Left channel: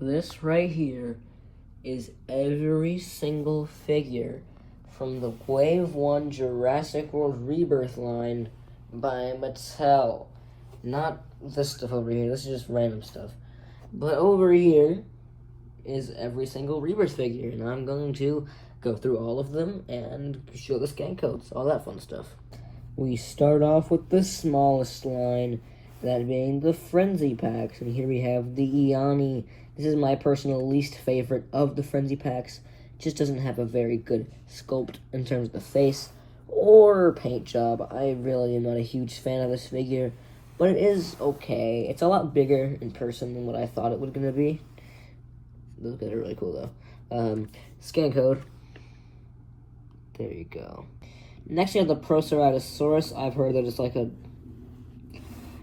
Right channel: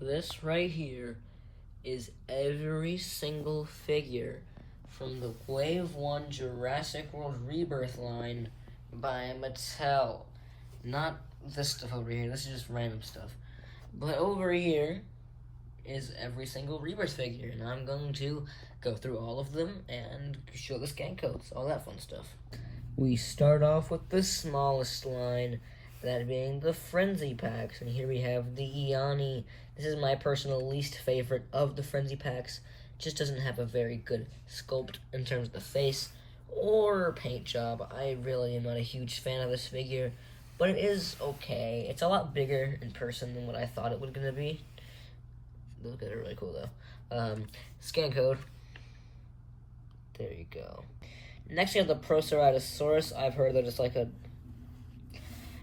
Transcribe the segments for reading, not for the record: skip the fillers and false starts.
This right here is every single figure from the Wave 1 Jurassic World Rebirth line by Mattel. Not this stuff over here, this is just random stuff. But over here is every single Rebirth figure, and I'm going to go through all of them and show the scan codes, all that fun stuff. We start off with the smallest line, that being the Frenzy Packs, and here we have the IANI. This is my personal least favorite of the Frenzy Packs. Just doesn't have a very good sculpt in terms of the face or paint job. I really am not a huge fan of this figure, but it is okay. It's a lot bigger in person than what I thought it was going to be. Those guys are really cool though. Scan code. There you go. Next we have the PROERASTOS. I've heard that it's like a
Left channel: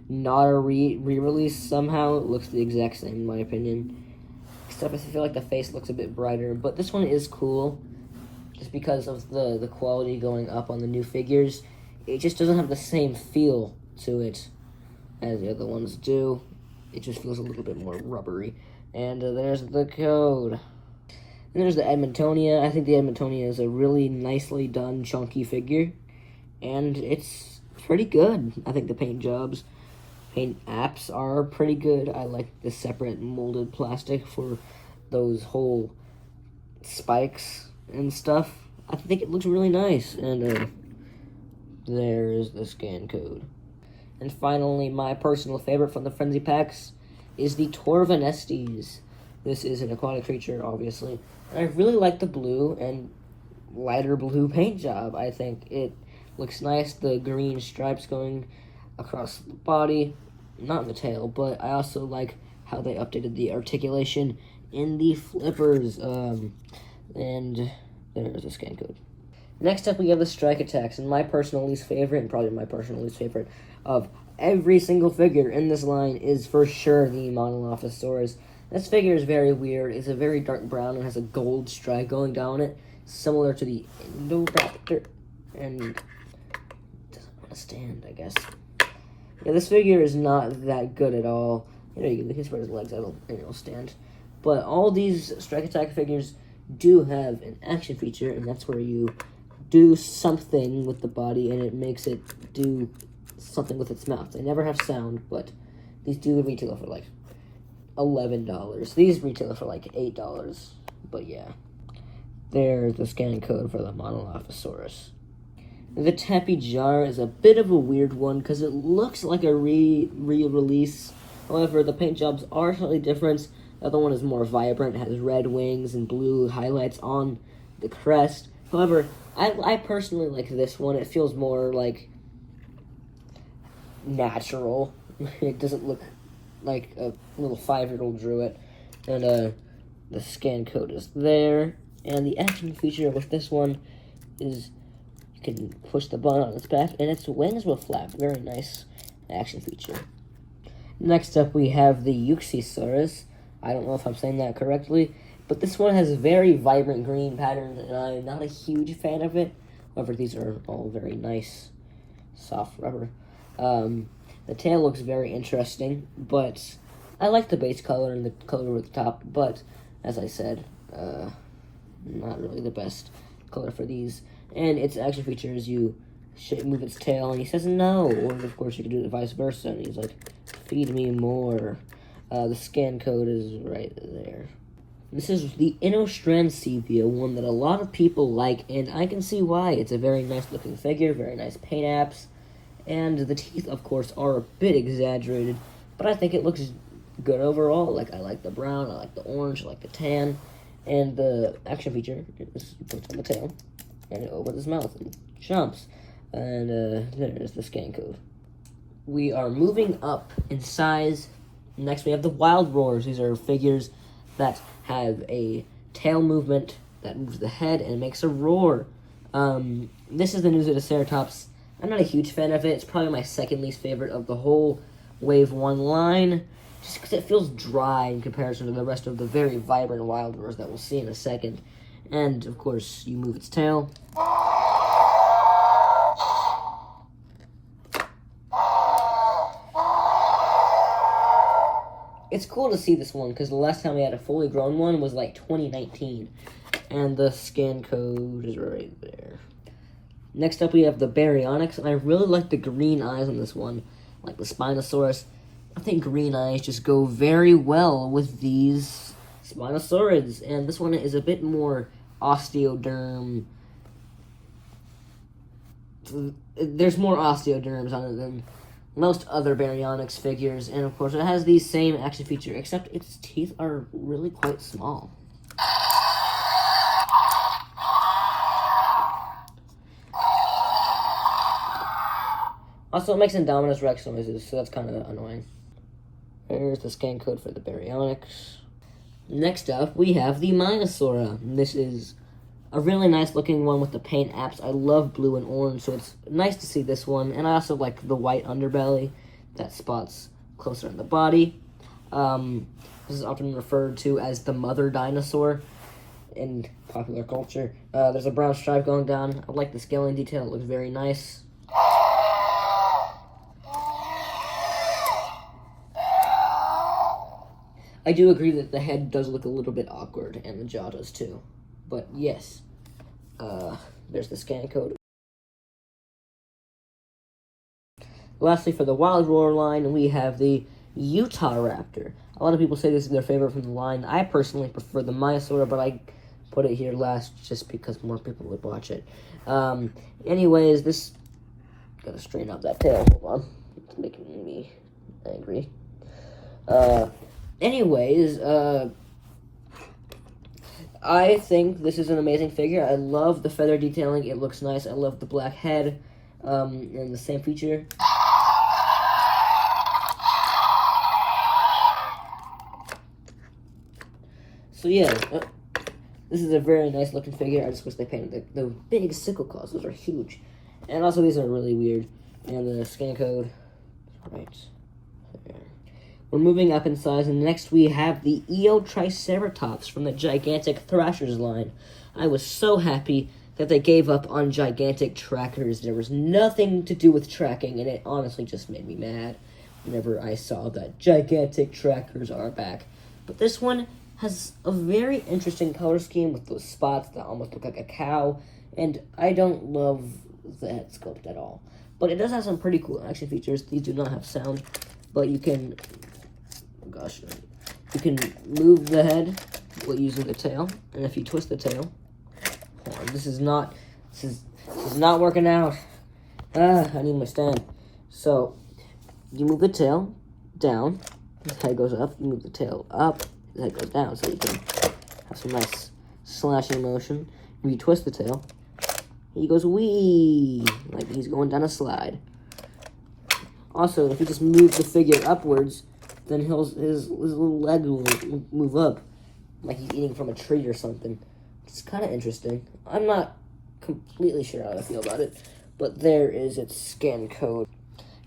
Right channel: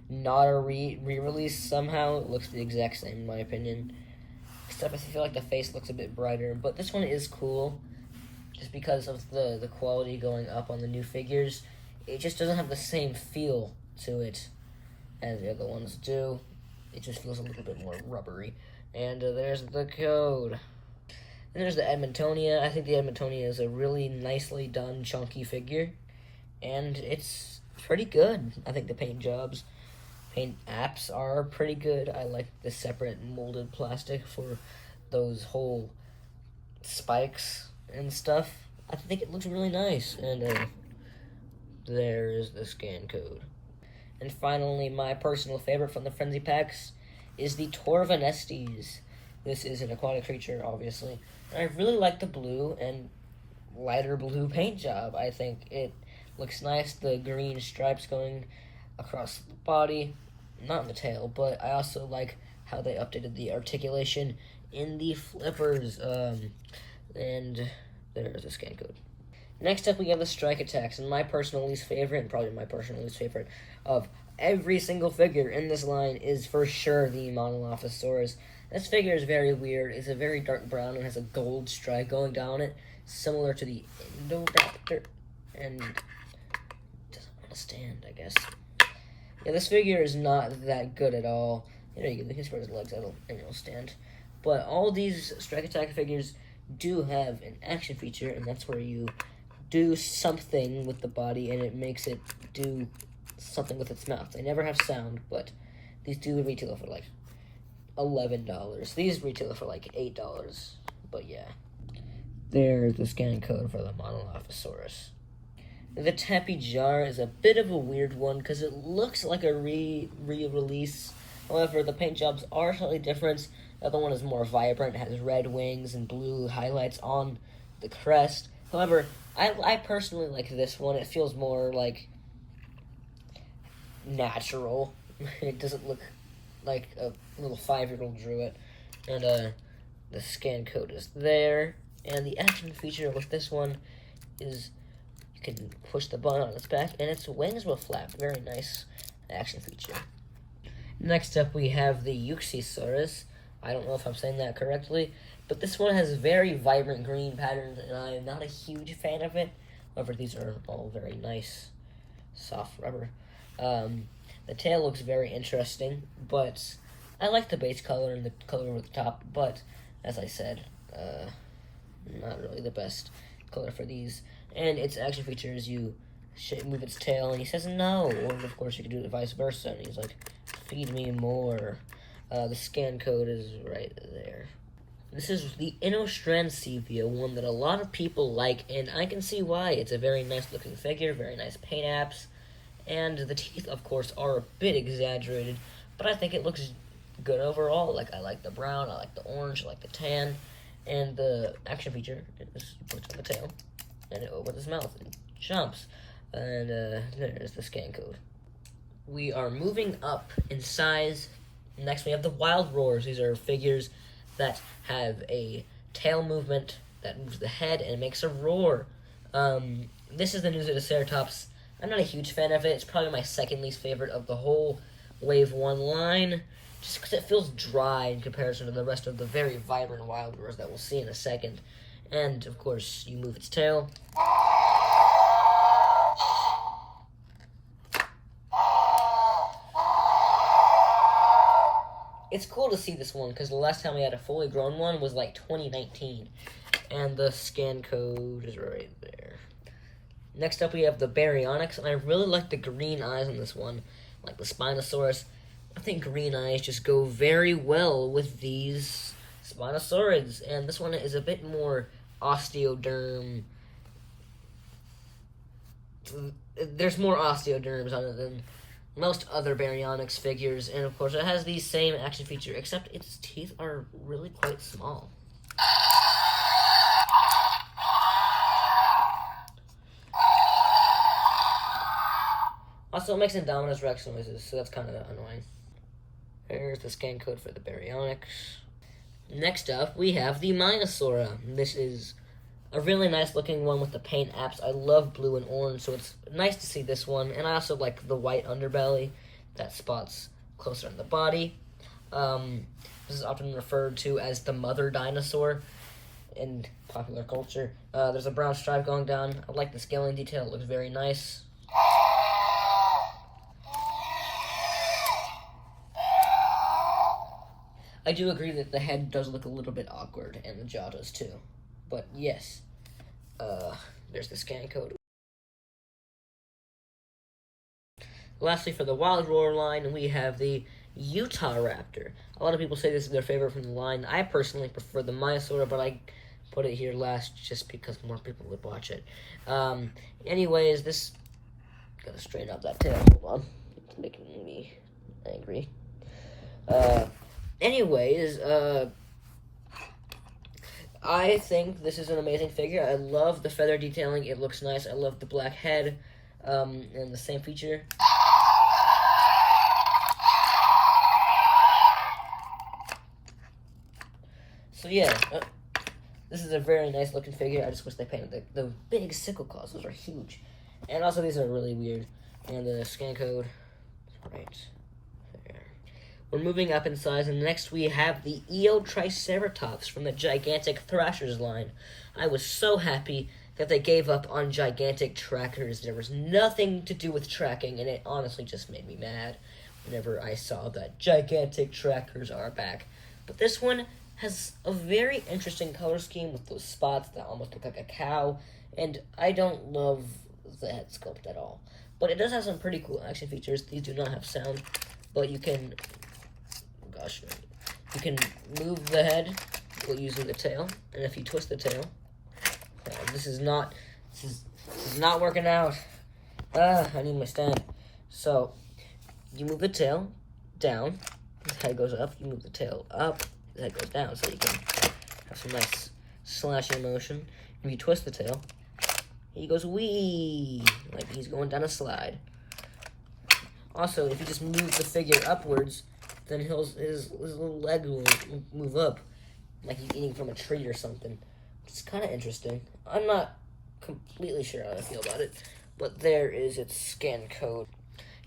not a re-release somehow. It looks the exact same in my opinion. Except I feel like the face looks a bit brighter. But this one is cool. Just because of the quality going up on the new figures. It just doesn't have the same feel to it as the other ones do. It just feels a little bit more rubbery. And there's the code. And there's the Edmontonia. I think the Edmontonia is a really nicely done, chunky figure. And it's pretty good. I think the paint apps are pretty good. I like the separate molded plastic for those whole spikes and stuff. I think it looks really nice. And there is the scan code. And finally, my personal favorite from the Frenzy Packs is the Torvanestes. This is an aquatic creature, obviously. And I really like the blue and lighter blue paint job. I think it looks nice. The green stripes going across the body, not the tail, but I also like how they updated the articulation in the flippers. And there's the scan code. Next up, we have the Strike Attacks, and my personal least favorite, and probably my personal least favorite of every single figure in this line is for sure the Monolasaurus. This figure is very weird. It's a very dark brown and has a gold stripe going down it, similar to the Raptor, and doesn't want to stand, I guess. Yeah, this figure is not that good at all. You know, you can spread his legs out and it'll stand. But all these Strike Attack figures do have an action feature, and that's where you do something with the body and it makes it do something with its mouth. They never have sound, but these do retail for like $11. These retail for like $8, but yeah. There's the scanning code for the Monolasaurus. The Tappy Jar is a bit of a weird one because it looks like a re-release. However, the paint jobs are slightly different. The other one is more vibrant. It has red wings and blue highlights on the crest. However, I personally like this one. It feels more like natural. It doesn't look like a little 5-year-old drew it. And the scan code is there. And the action feature with this one is you can push the button on its back and its wings will flap. Very nice action feature. Next up we have the Yukisaurus. I don't know if I'm saying that correctly, but this one has very vibrant green patterns and I'm not a huge fan of it. However, these are all very nice, soft rubber. The tail looks very interesting, but I like the base color and the color at the top, but as I said, not really the best color for these. And its action feature is you move its tail, and he says no. Or of course, you can do it vice versa, and he's like, feed me more. The scan code is right there. This is the Inor Seia, one that a lot of people like, and I can see why. It's a very nice looking figure, very nice paint apps, and the teeth, of course, are a bit exaggerated, but I think it looks good overall. Like, I like the brown, I like the orange, I like the tan, and the action feature is you put it on the tail, and it opens his mouth and jumps, and there's the scan code. We are moving up in size. Next, we have the Wild Roars. These are figures that have a tail movement that moves the head and makes a roar. This is the Neweratops. I'm not a huge fan of it. It's probably my second least favorite of the whole Wave 1 line, just because it feels dry in comparison to the rest of the very vibrant Wild Roars that we'll see in a second. And, of course, you move its tail. it's cool to see this one because the last time we had a fully grown one was like 2019. And the scan code is right there. Next up, we have the Baryionx, and I really like the green eyes on this one, like the Spinosaurus. I think green eyes just go very well with these Spinosaurids, and this one is a bit more osteoderm. There's more osteoderms on it than most other Baryonyx figures, and of course it has the same action feature, except its teeth are really quite small. Also, it makes Indominus Rex noises, so that's kind of annoying. Here's the scan code for the Baryonyx. Next up, we have the Minosaura. This is a really nice looking one with the paint apps. I love blue and orange, so it's nice to see this one. And I also like the white underbelly that spots closer in the body. This is often referred to as the mother dinosaur in popular culture. There's a brown stripe going down. I like the scaling detail. It looks very nice. I do agree that the head does look a little bit awkward, and the jaw does too. But yes, there's the scan code. Lastly, for the Wild Roar line, we have the Utah Raptor. A lot of people say this is their favorite from the line. I personally prefer the Minosaur, but I put it here last just because more people would watch it. Anyways, this... Gotta straighten out that tail. Hold on. It's making me angry. Anyways, I think this is an amazing figure. I love the feather detailing. It looks nice. I love the black head, and the same feature. So yeah, this is a very nice looking figure. I just wish they painted the big sickle claws. Those are huge. And also these are really weird. And the scan code, right. We're moving up in size, and next we have the Eot Triceratops from the gigantic Thrashers line. I was so happy that they gave up on gigantic trackers. There was nothing to do with tracking, and it honestly just made me mad whenever I saw that gigantic trackers are back. But this one has a very interesting color scheme with those spots that almost look like a cow, and I don't love the head sculpt at all. But it does have some pretty cool action features. These do not have sound, but you can... you can move the head while using the tail, and if you twist the tail, this is not working out. I need my stand. So you move the tail down, the head goes up. You move the tail up, the head goes down. So you can have some nice slashing motion. If you twist the tail, he goes wee, like he's going down a slide. Also, if you just move the figure upwards, then his little leg will move up, like he's eating from a tree or something. It's kind of interesting. I'm not completely sure how I feel about it, but there is its scan code.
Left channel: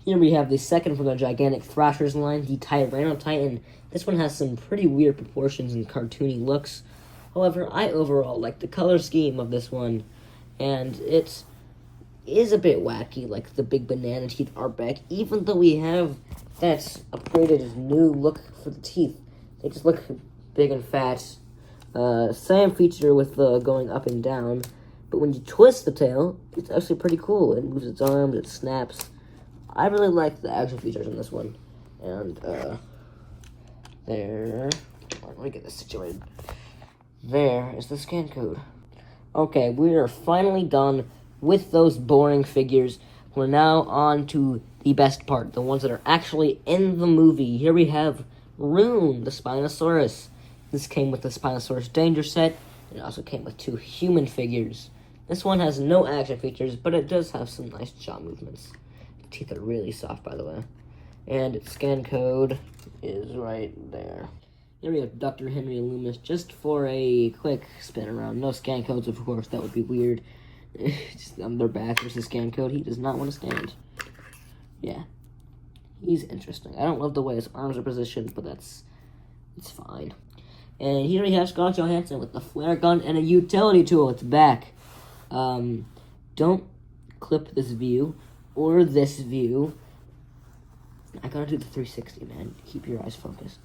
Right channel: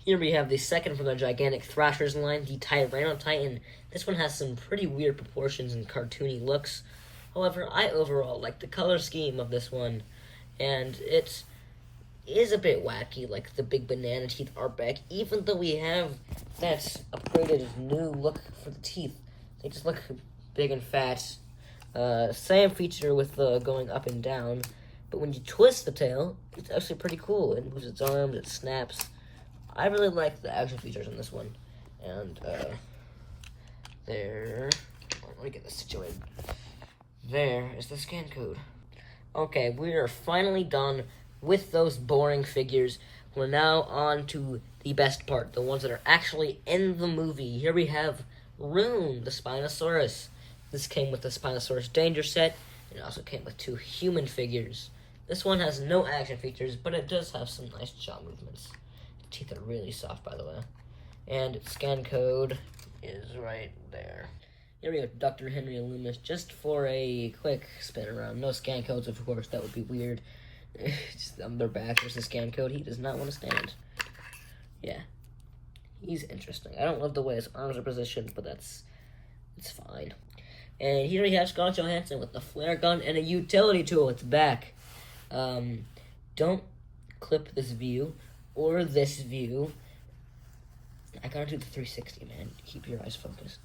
Here we have the second from the gigantic Thrashers line, the Tyrano Titan. This one has some pretty weird proportions and cartoony looks. However, I overall like the color scheme of this one, and it is a bit wacky, like the big banana teeth are back, even though we have that upgraded new look for the teeth. They just look big and fat. Same feature with the going up and down, but when you twist the tail, it's actually pretty cool. It moves its arms, it snaps. I really like the action features on this one. And, there. Let me get this situated. There is the scan code. Okay, we are finally done with those boring figures. We're now on to the best part, the ones that are actually in the movie. Here we have Rune, the Spinosaurus. This came with the Spinosaurus Danger set. It also came with 2 human figures. This one has no action features, but it does have some nice jaw movements. The teeth are really soft, by the way. And its scan code is right there. Here we have Dr. Henry Loomis, just for a quick spin around. No scan codes, of course, that would be weird. Just on their back, there's the scan code. He does not want to stand. Yeah. He's interesting. I don't love the way his arms are positioned, but it's fine. And here we have Scarlett Johansson with the flare gun and a utility tool. It's back. Don't clip this view or this view. I gotta do the 360, man. Keep your eyes focused.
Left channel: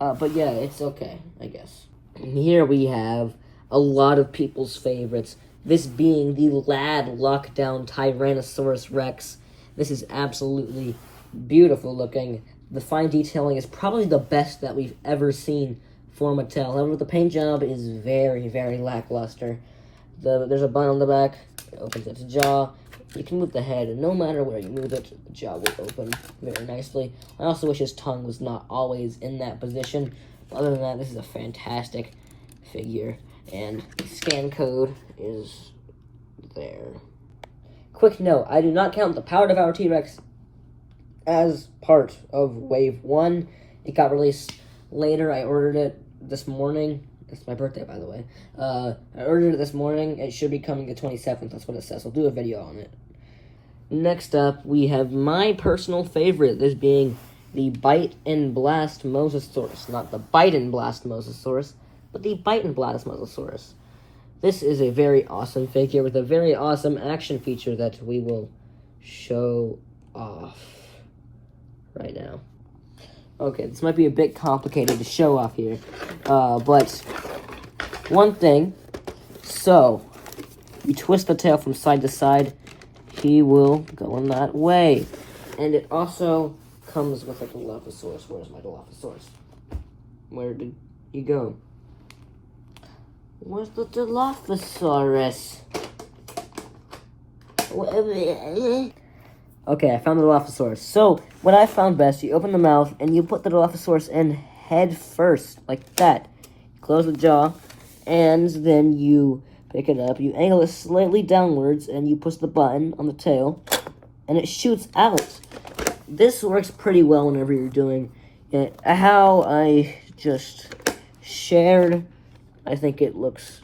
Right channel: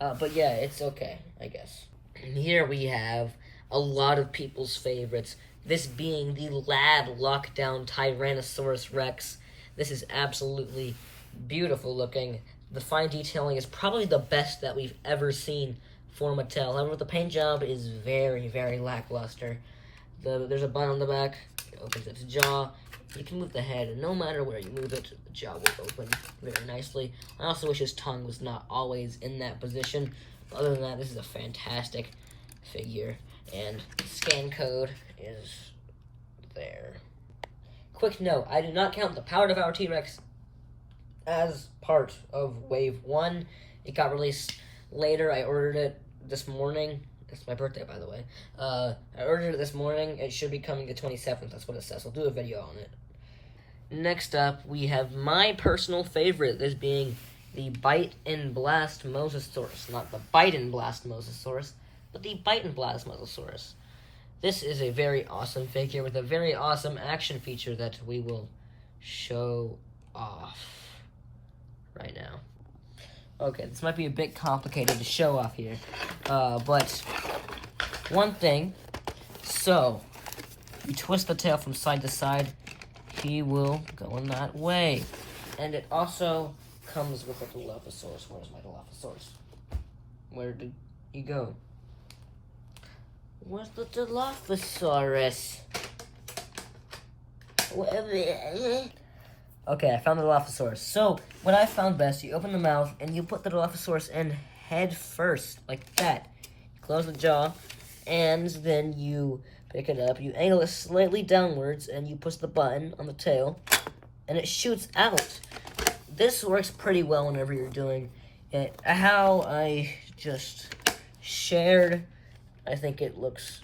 But yeah, it's okay, I guess. Here we have a lot of people's favorites. This being the lab lockdown Tyrannosaurus Rex. This is absolutely beautiful looking. The fine detailing is probably the best that we've ever seen for Mattel. However, the paint job is very, very lackluster. There's a button on the back. It opens its jaw. You can move the head, and no matter where you move it, the jaw will open very nicely. I also wish his tongue was not always in that position. Other than that, this is a fantastic figure, and the scan code is there. Quick note, I do not count the Power Devour T-Rex as part of Wave 1. It got released later. I ordered it this morning. It's my birthday, by the way. I ordered it this morning. It should be coming the 27th. That's what it says. I'll do a video on it. Next up, we have my personal favorite, this being the Bite and Blast Mosasaurus. Not the Bite and Blast Mosasaurus, but the Bite and Blast Mosasaurus. This is a very awesome figure with a very awesome action feature that we will show off right now. Okay, this might be a bit complicated to show off here, but one thing, so you twist the tail from side to side, he will go in that way. And it also comes with a Dilophosaurus. Where's my Dilophosaurus? Where did he go? Where's the Dilophosaurus? Okay, I found the Dilophosaurus. So, what I found best, you open the mouth, and you put the Dilophosaurus in head first, like that. Close the jaw, and then you pick it up, you angle it slightly downwards, and you push the button on the tail, and it shoots out. This works pretty well whenever you're doing it. How I just shared, I think it looks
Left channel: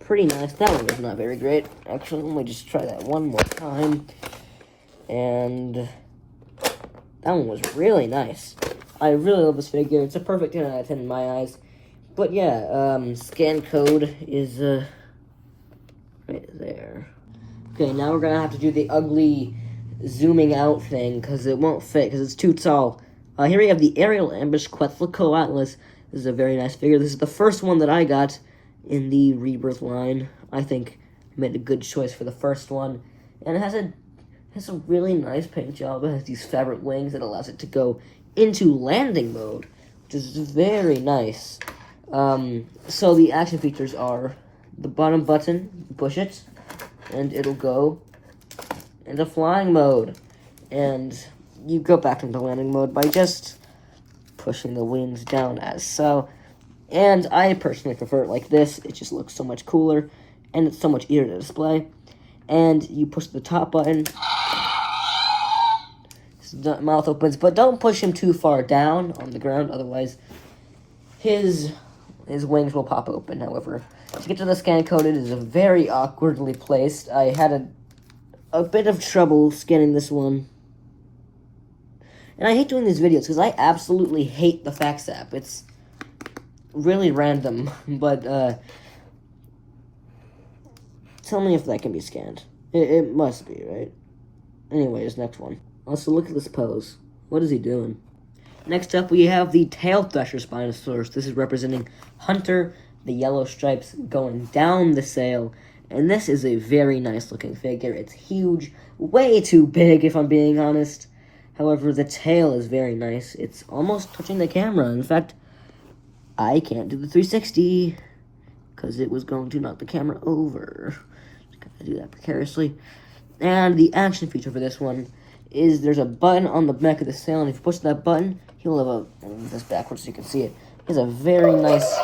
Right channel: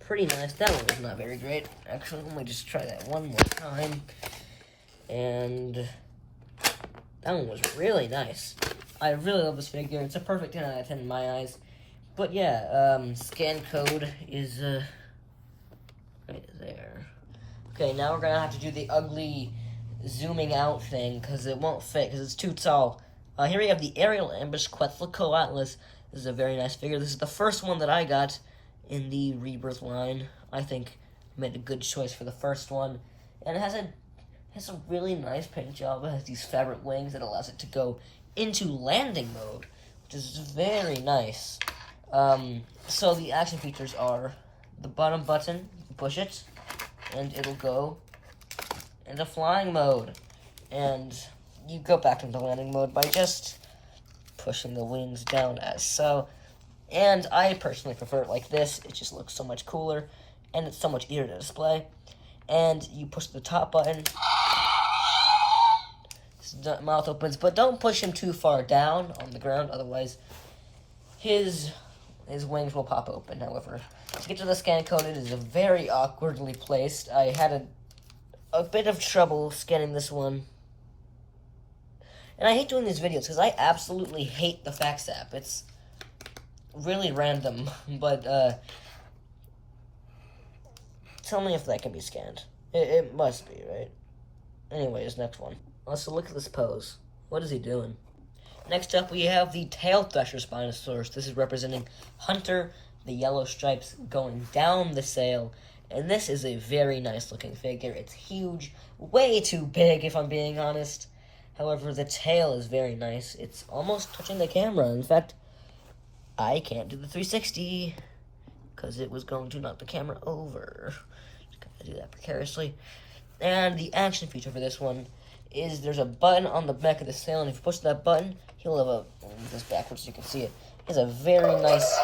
pretty nice. That one was not very great. Actually, let me just try that one more time. And that one was really nice. I really love this figure. It's a perfect 10 out of 10 in my eyes. But yeah, scan code is right there. Okay, now we're gonna have to do the ugly zooming out thing because it won't fit because it's too tall. Here we have the Aerial Ambush Quetzalcoatlus. This is a very nice figure. This is the first one that I got in the Rebirth line. I think I made a good choice for the first one. And it has a really nice paint job. It has these fabric wings that allows it to go into landing mode, which is very nice. So the action features are the bottom button, you push it, and it'll go into flying mode. And you go back into landing mode by just pushing the wings down as so. And I personally prefer it like this. It just looks so much cooler, and it's so much easier to display. And you push the top button, his mouth opens, but don't push him too far down on the ground, otherwise his wings will pop open. However, to get to the scan code, it is very awkwardly placed. I had a bit of trouble scanning this one. And I hate doing these videos because I absolutely hate the fax app. It's really random, but tell me if that can be scanned. It must be, right? Anyways, next one. Also, look at this pose. What is he doing? Next up, we have the tail thrasher Spinosaurus. This is representing Hunter, the yellow stripes going down the sail. And this is a very nice looking figure. It's huge, way too big if I'm being honest. However, the tail is very nice. It's almost touching the camera. In fact, I can't do the 360 because it was going to knock the camera over. Just got to do that precariously. And the action feature for this one is there's a button on the back of the sail, and if you push that button, he'll have a, I'll move this backwards so you can see it. He has a very nice,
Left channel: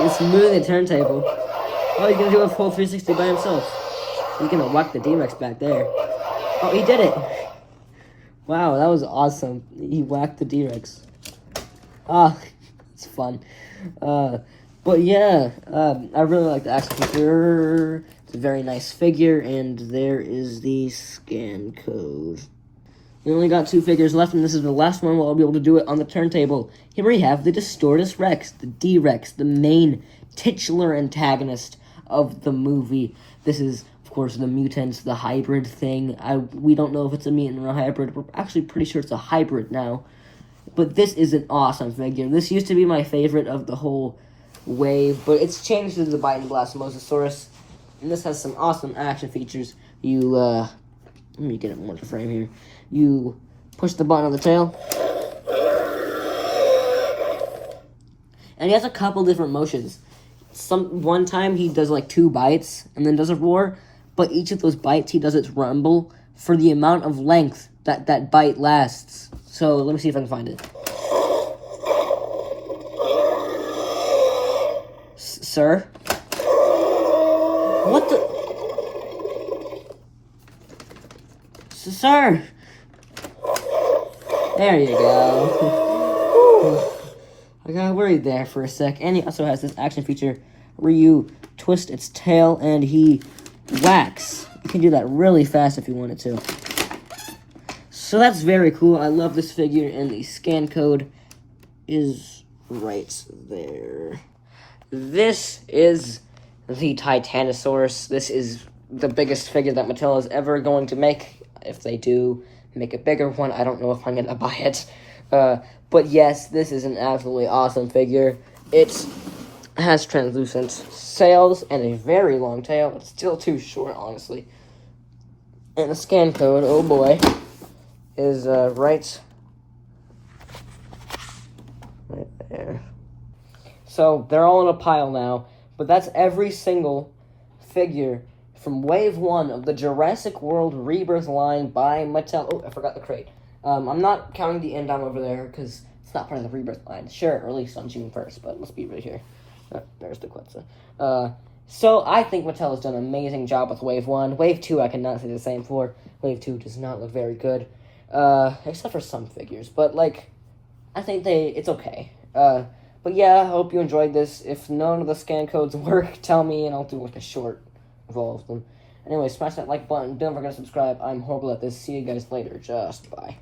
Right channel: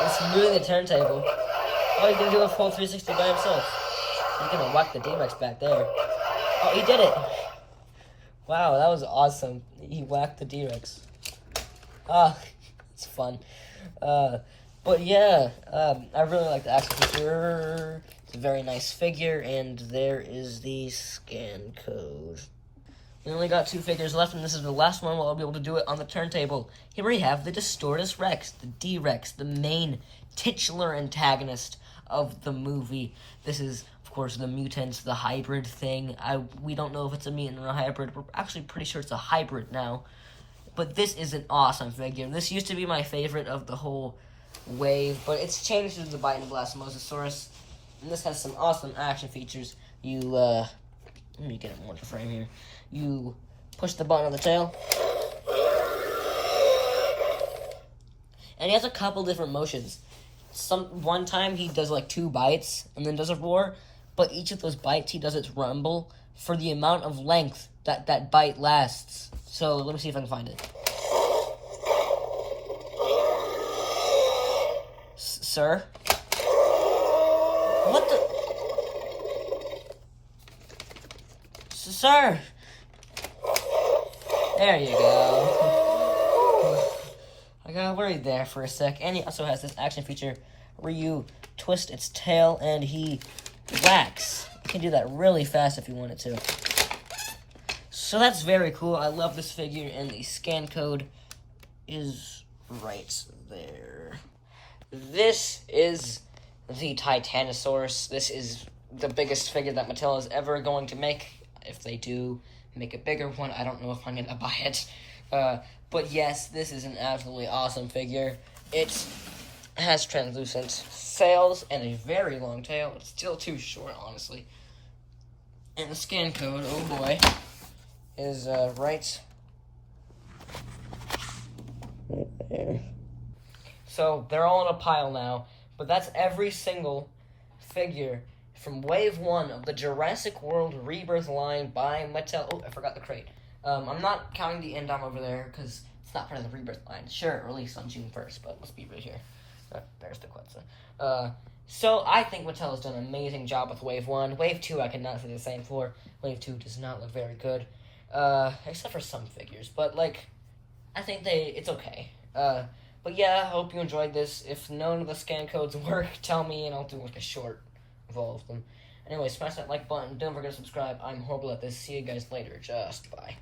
it's moving the turntable. Oh, he's gonna do a full 360 by himself. He's gonna whack the DRex back there. Oh, he did it! Wow, that was awesome. He whacked the DRex. Ah, it's fun. But yeah, I really like the action feature. It's a very nice figure, and there is the scan code. We only got 2 figures left, and this is the last one where I'll be able to do it on the turntable. Here we have the Distortus Rex, the DRex, the main titular antagonist of the movie. This is, of course, the mutants, the hybrid thing. We don't know if it's a mutant or a hybrid. We're actually pretty sure it's a hybrid now. But this is an awesome figure. This used to be my favorite of the whole wave, but it's changed to the Bite and Blast Mosasaurus. And this has some awesome action features. Let me get it more to frame here. You push the button on the tail. And he has a couple different motions. One time he does like 2 bites and then does a roar, but each of those bites he does its rumble for the amount of length that bite lasts. So let me see if I can find it. Sir? What the? Sir! There you go. I got worried there for a sec. And he also has this action feature where you twist its tail and he whacks. You can do that really fast if you wanted to. So that's very cool. I love this figure, and the scan code is right there. This is the Titanosaurus. This is the biggest figure that Mattel is ever going to make. If they do make a bigger one, I don't know if I'm going to buy it. But yes, this is an absolutely awesome figure. It has translucent sails and a very long tail. It's still too short, honestly. And the scan code, oh boy, is right there. So they're all in a pile now, but that's every single figure from Wave 1 of the Jurassic World Rebirth line by Mattel. Oh, I forgot the crate. I'm not counting the end over there because it's not part of the Rebirth line. Sure, it released on June 1st, but let's be right here. There's the Quetzal. So I think Mattel has done an amazing job with Wave 1. Wave 2 I cannot say the same for. Wave 2 does not look very good. Except for some figures. But, like, I think it's okay. But yeah, I hope you enjoyed this. If none of the scan codes work, tell me and I'll do, like, a short of all of them. Anyway, smash that like button. Don't forget to subscribe. I'm horrible at this. See you guys later. Just bye.